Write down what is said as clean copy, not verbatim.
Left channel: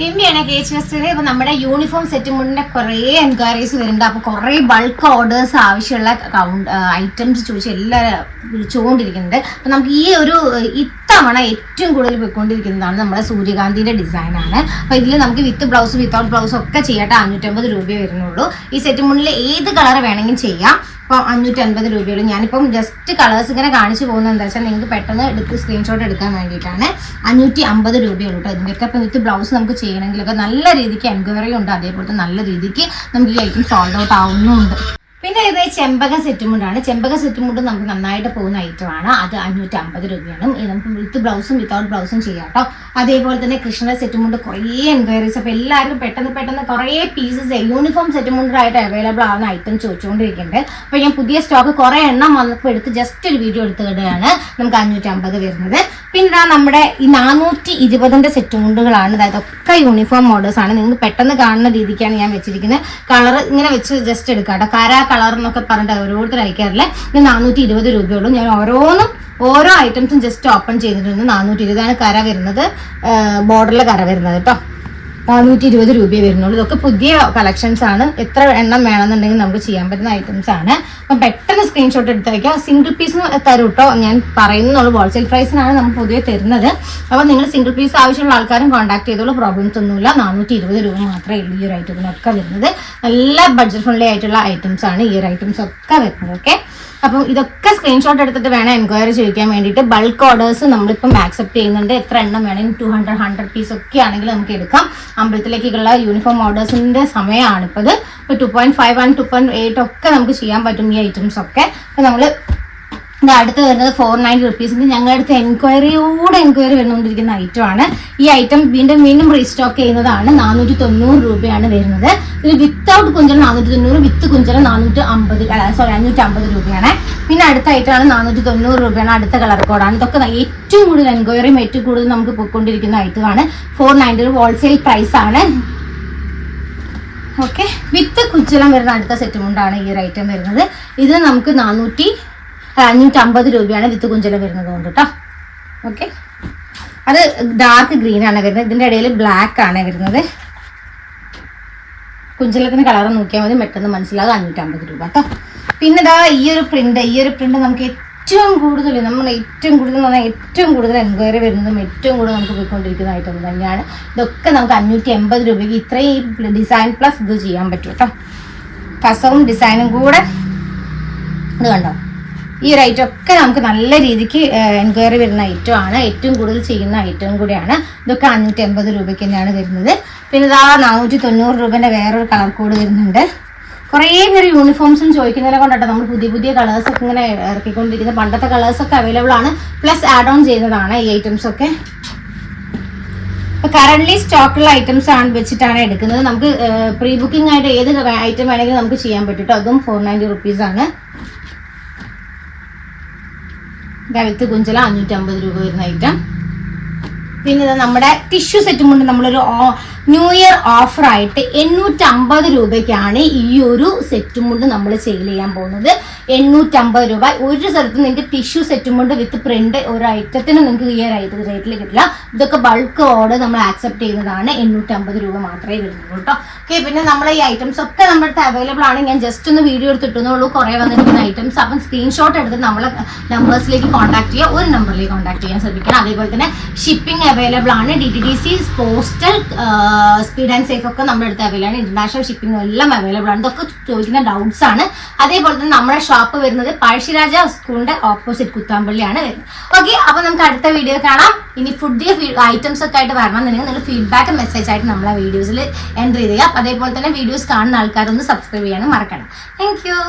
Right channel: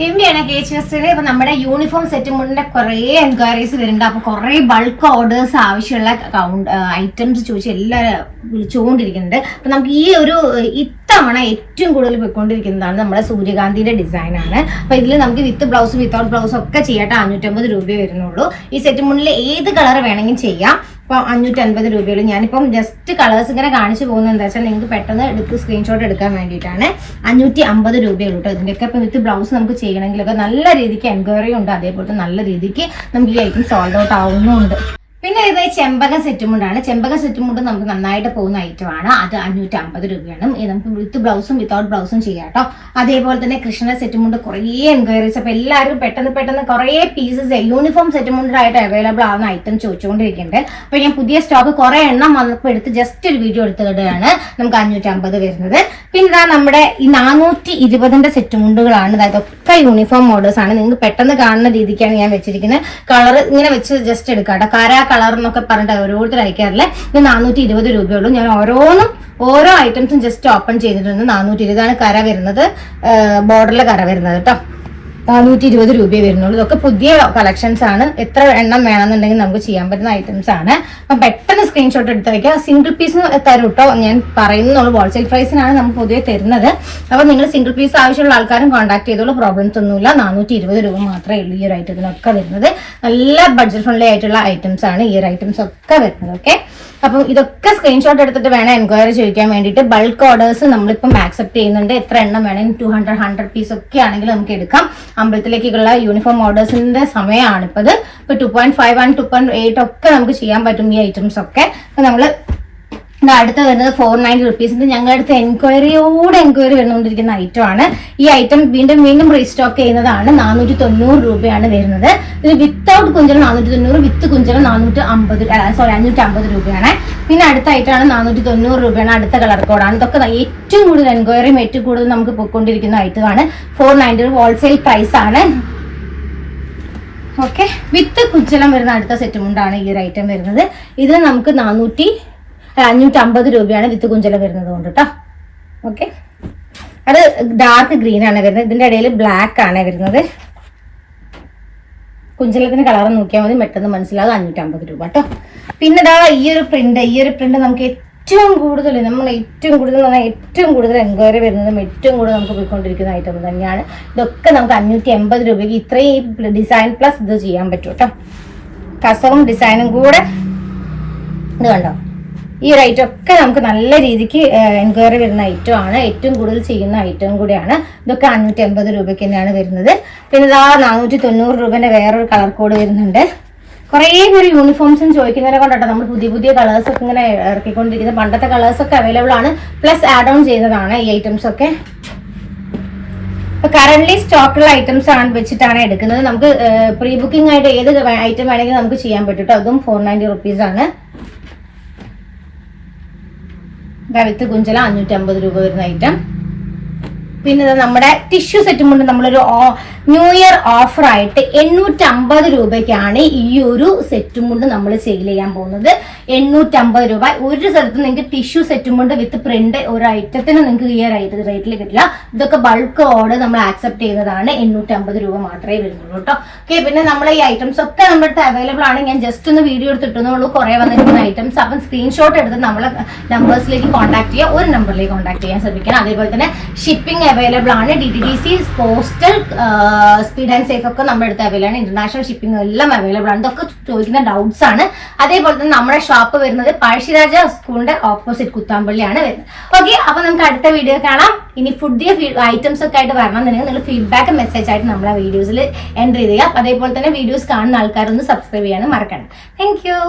ദിവ്യാണ് കേച്ചത്. അപ്പൊ നമ്മുടെ uniform set മുണ്ടിന്റെ കുറെ എൻക്വയറീസ് വരുന്നുണ്ട്. അപ്പൊ കുറെ ബൾക്ക് ഓർഡേഴ്സ് ആവശ്യമുള്ള ഐറ്റംസ് ചോദിച്ച് എല്ലാവരും വിളിച്ചുകൊണ്ടിരിക്കുന്നുണ്ട്. അപ്പൊ നമുക്ക് ഈ ഒരു ഇത്തവണ ഏറ്റവും കൂടുതൽ പോയിക്കൊണ്ടിരിക്കുന്നതാണ് നമ്മുടെ സൂര്യകാന്തിയുടെ ഡിസൈൻ ആണ്. അപ്പൊ ഇതിൽ നമുക്ക് വിത്ത് ബ്ലൗസ് വിത്തൗട്ട് ബ്ലൗസ് ഒക്കെ ചെയ്യട്ടെ. 550 രൂപയെ വരുന്നുള്ളൂ. ഈ സെറ്റ് മുണ്ടിൽ ഏത് കളർ വേണമെങ്കിലും ചെയ്യാം. അപ്പോൾ 550 രൂപയുള്ളൂ. ഞാനിപ്പം ജസ്റ്റ് കളേഴ്സ് ഇങ്ങനെ കാണിച്ചു പോകുന്നത് എന്താ വെച്ചാൽ നിങ്ങൾക്ക് പെട്ടെന്ന് സ്ക്രീൻഷോട്ട് എടുക്കാൻ വേണ്ടിയിട്ടാണ്. 550 രൂപയുള്ളൂ കേട്ടോ. ഇതിൻ്റെയൊക്കെ ഇപ്പം വിത്ത് ബ്ലൗസ് നമുക്ക് ചെയ്യണമെങ്കിലൊക്കെ നല്ല രീതിക്ക് എൻക്വയറി ഉണ്ട്. അതേപോലെ നല്ല രീതിക്ക് നമുക്ക് ഈ ഐറ്റം സോൾഡ് ഔട്ട് ആവുന്നുണ്ട്. പിന്നെ ഇത് ചെമ്പക സെറ്റുമുണ്ടാണ്. ചെമ്പക സെറ്റുമുണ്ട് നമുക്ക് നന്നായിട്ട് പോകുന്ന ഐറ്റമാണ്. അത് 550 രൂപയാണ്. നമുക്ക് വിത്ത് ബ്ലൗസും വിത്തൗട്ട് ബ്ലൗസും ചെയ്യാം കേട്ടോ. അതേപോലെ തന്നെ കൃഷ്ണ സെറ്റുമുണ്ട് കുറേ എൻക്വയറീസ്. അപ്പോൾ എല്ലാവരും പെട്ടെന്ന് കുറേ പീസസ് യൂണിഫോം സെറ്റുമുണ്ടായിട്ട് അവൈലബിൾ ആവുന്ന ഐറ്റം ചോദിച്ചുകൊണ്ടിരിക്കുന്നുണ്ട്. അപ്പോൾ ഞാൻ പുതിയ സ്റ്റോക്ക് കുറേ എണ്ണം വന്നപ്പോൾ എടുത്ത് ജസ്റ്റ് ഒരു വീഡിയോ എടുത്തുകൊണ്ടാണ് നമുക്ക് 550 വരുന്നത്. പിന്നെ നമ്മുടെ ഈ 420 സെറ്റുമുണ്ടുകളാണ്. അതൊക്കെ യൂണിഫോം മോഡേഴ്സ് ആണ്. നിങ്ങൾക്ക് പെട്ടെന്ന് കാണുന്ന രീതിക്കാണ് ഞാൻ വെച്ചിരിക്കുന്നത്. കളർ ഇങ്ങനെ വെച്ച് ജസ്റ്റ് എടുക്കാം കേട്ടോ. കാരാ കളർ എന്നൊക്കെ പറഞ്ഞിട്ട് ഓരോരുത്തർ അയക്കാറില്ല. ഇത് 420 രൂപയുള്ളൂ. ഞാൻ ഓരോ ഐറ്റംസും ജസ്റ്റ് ഓപ്പൺ ചെയ്തിട്ടുണ്ട്. 420 കര വരുന്നത്, ബോർഡറിലെ കര വരുന്നത് കേട്ടോ. 420 രൂപയെ വരുന്നുള്ളൂ. ഇതൊക്കെ പുതിയ കളക്ഷൻസ് ആണ്. എത്ര എണ്ണം വേണമെന്നുണ്ടെങ്കിൽ നമുക്ക് ചെയ്യാൻ പറ്റുന്ന ഐറ്റംസ് ആണ്. അപ്പം പെട്ടെന്ന് സ്ക്രീൻഷോട്ട് എടുത്ത് വയ്ക്കുക. സിംഗിൾ പീസ് തരും കേട്ടോ. ഞാൻ പറയുന്നുള്ളൂ, ഹോൾസെയിൽ പ്രൈസിനാണ് നമുക്ക് പൊതുവെ തരുന്നത്. അപ്പോൾ നിങ്ങൾ സിംഗിൾ പീസ് ആവശ്യമുള്ള ആൾക്കാരും കോൺടാക്ട് ചെയ്തോളൂ. പ്രോബ്ലംസ് ഒന്നുമില്ല. 420 രൂപ മാത്രമേ ഉള്ളൂ ഈ ഒരു ഐറ്റത്തിനൊക്കെ വരുന്നത്. നല്ല ബഡ്ജറ്റ് ഫ്രണ്ട്ലി ആയിട്ടുള്ള ഐറ്റംസ് ആണ് ഈ ഒരു ഐറ്റംസ് ഒക്കെ വരുന്നത്. ഓക്കെ, അപ്പം ഇതൊക്കെ സ്ക്രീൻഷോട്ട് എടുത്തിട്ട് വേണം എൻക്വയറി ചോദിക്കാൻ വേണ്ടിയിട്ട്. ബൾക്ക് ഓർഡേഴ്സ് നമ്മളിപ്പം ആക്സെപ്റ്റ് ചെയ്യുന്നുണ്ട്. എത്ര എണ്ണം വേണമെങ്കിൽ 200 100 പീസ് ഒക്കെ ആണെങ്കിൽ നമുക്ക് എടുക്കാം. അമ്പലത്തിലേക്കുള്ള യൂണിഫോം ഓർഡേഴ്സിന്റെ സമയമാണ് ഇപ്പോൾ ഇത്. ഇപ്പോൾ 2.51 2.8 ഒക്കെ നമുക്ക് ചെയ്യാൻ പറ്റും ഈ ഐറ്റംസ് ഒക്കെ. അപ്പോൾ നമ്മൾ അടുത്ത് വരുന്നത് 490 റുപ്പീസിന്റെ ഞങ്ങളുടെ അടുത്ത് എൻക്വയറി വന്നുകൊണ്ടിരിക്കുന്ന ഐറ്റം ആണ്. ഈ ഐറ്റം വീണ്ടും റീസ്റ്റോക്ക് ചെയ്യുന്നതാണ്. 490 രൂപയാണ് വരുന്നത്. ഇത് വിത്തൗട്ട് കുഞ്ചലം 490, വിത്ത് കുഞ്ചലം 550 രൂപയാണ്. പിന്നെ അടുത്ത ഐറ്റമാണ് 490 രൂപയാണ്. അടുത്ത കളർ കോഡാണ്. ഇതൊക്കെ ഏറ്റവും കൂടുതൽ എൻക്വയറിയും ഏറ്റവും കൂടുതൽ നമുക്ക് പോയിക്കൊണ്ടിരിക്കുന്ന ഐറ്റമാണ്. 490 ഹോൾസെയിൽ പ്രൈസ് ആണ്. ഓക്കെ, വിത്ത് കുഞ്ചലം വരുന്ന അടുത്ത സെറ്റും കൊണ്ടാണ് ഈ ഒരു ഐറ്റം വരുന്നത്. ഇത് നമുക്ക് 550 രൂപയാണ് വിത്ത് കുഞ്ചലം വരുന്നത് കൊണ്ട് കേട്ടോ. ഓക്കെ, അത് ഡാർക്ക് ഗ്രീൻ ആണ് വരുന്നത്. ഇതിൻ്റെ ഇടയിൽ ബ്ലാക്ക് ആണ് വരുന്നത്. കുഞ്ചലത്തിന് കളർ നോക്കിയാൽ മതി, പെട്ടെന്ന് മനസ്സിലാകും. 550 രൂപ കേട്ടോ. പിന്നെ ഇതാ ഈ ഒരു പ്രിന്റ് നമുക്ക് ഏറ്റവും കൂടുതൽ എൻക്വയറി വരുന്നതും ഏറ്റവും കൂടുതൽ നമുക്ക് പോയിക്കൊണ്ടിരിക്കുന്ന ഐറ്റം തന്നെയാണ്. ഇതൊക്കെ നമുക്ക് 580 രൂപയ്ക്ക് ഇത്രയും ഡിസൈൻ പ്ലസ് ഇത് ചെയ്യാൻ പറ്റും കേട്ടോ. കസവും ഡിസൈനും കൂടെ ഇത് കണ്ടോ. ഈ ഒരു ഐറ്റം ഒക്കെ നമുക്ക് നല്ല രീതിക്ക് എൻക്വയറി വരുന്ന ഐറ്റം ആണ്. ഏറ്റവും കൂടുതൽ ചെയ്യുന്ന ഐറ്റം കൂടിയാണ്. ഇതൊക്കെ 580 രൂപയ്ക്ക് തന്നെയാണ് വരുന്നത്. പിന്നെ ഇതാ 490 രൂപേൻ്റെ വേറൊരു കളർ കോഡ് വരുന്നുണ്ട്. കുറേ പേര് യൂണിഫോംസും ചോദിക്കുന്നതിനെ കൊണ്ടാട്ടോ നമ്മൾ പുതിയ കളേഴ്സൊക്കെ ഇങ്ങനെ ഇറക്കിക്കൊണ്ടിരിക്കുന്നത്. പണ്ടത്തെ കളേഴ്സൊക്കെ അവൈലബിൾ ആണ്. പ്ലസ് ആഡ് ഓൺ ചെയ്യുന്നതാണ് ഈ ഐറ്റംസ് ഒക്കെ. ഇപ്പോൾ കറന്റ് സ്റ്റോക്കുള്ള ഐറ്റംസ് ആണ് വെച്ചിട്ടാണ് എടുക്കുന്നത്. നമുക്ക് പ്രീ ബുക്കിംഗ് ആയിട്ട് ഏത് ഐറ്റം വേണമെങ്കിലും നമുക്ക് ചെയ്യാൻ പറ്റും കേട്ടോ. അതും 490 റുപ്പീസാണ്. വിത്ത് കുഞ്ചല 550 രൂപ വരുന്ന ഐറ്റം. പിന്നെ നമ്മുടെ ടിഷ്യൂ സെറ്റും കൊണ്ട് നമ്മളൊരു ന്യൂ ഇയർ ഓഫർ ആയിട്ട് 850 രൂപയ്ക്കാണ് ഈ ഒരു സെറ്റും കൊണ്ട് നമ്മൾ സെയിൽ ചെയ്യാൻ പോകുന്നത്. 850 രൂപ. ഒരു സ്ഥലത്ത് നിങ്ങൾക്ക് ടിഷ്യൂ സെറ്റും കൊണ്ട് വിത്ത് പ്രിന്റ് ഒരു ഐറ്റത്തിന് നിങ്ങൾക്ക് ഈ റേറ്റിൽ കിട്ടില്ല. ഇതൊക്കെ ബൾക്ക് ഓർഡർ നമ്മൾ ആക്സെപ്റ്റ് ചെയ്യുന്നതാണ്. 850 രൂപ മാത്രമേ വരുന്നുള്ളൂ കേട്ടോ. ഓക്കെ, പിന്നെ നമ്മുടെ ഈ ഐറ്റംസ് ഒക്കെ നമ്മുടെ അടുത്ത് അവൈലബിൾ ആണ്. ഞാൻ ജസ്റ്റ് ഒന്ന് വീഡിയോ എടുത്തിട്ടുള്ളൂ കുറേ വന്നിരിക്കുന്ന ഐറ്റംസ്. അപ്പം സ്ക്രീൻഷോട്ട് എടുത്ത് നമ്മളെ നമ്പേഴ്സിലേക്ക് കോൺടാക്ട് ചെയ്യുക. ഒരു നമ്പറിലേക്ക് കോൺടാക്ട് ചെയ്യാൻ ശ്രമിക്കണം. അതേപോലെ തന്നെ ഷിപ്പിംഗ് അവൈലബിൾ ആണ്. DTDC, postal, speed and safe ഒക്കെ നമ്മുടെ അടുത്ത് അവൈലബിൾ ആണ്. ഇന്റർനാഷണൽ ഷിപ്പിംഗ് എല്ലാം അവൈലബിൾ ആണ്. ഇതൊക്കെ ചോദിക്കുന്ന ഡൗട്ട്സ് ആണ്. അതേപോലെ തന്നെ നമ്മുടെ ഷോപ്പ് വരുന്നത് പഴശ്ശിരാജ സ്കൂളിന്റെ ഓപ്പോസിറ്റ് കുത്താമ്പള്ളിയാണ് വരുന്നത്. ഓക്കെ, അപ്പൊ നമുക്ക് അടുത്ത വീഡിയോ കാണാം. ഇനി പുതിയ ഐറ്റംസ് ഒക്കെ ആയിട്ട് വരണമെന്നുണ്ടെങ്കിൽ നിങ്ങൾ ഫീഡ്ബാക്ക് മെസ്സേജ് ആയിട്ട് നമ്മളെ വീഡിയോസിൽ എൻട്രി ചെയ്യുക. അതേപോലെ തന്നെ വീഡിയോസ് കാണുന്ന ആൾക്കാരൊന്ന് സബ്സ്ക്രൈബ് ചെയ്യാനും മറക്കണം. Thank you.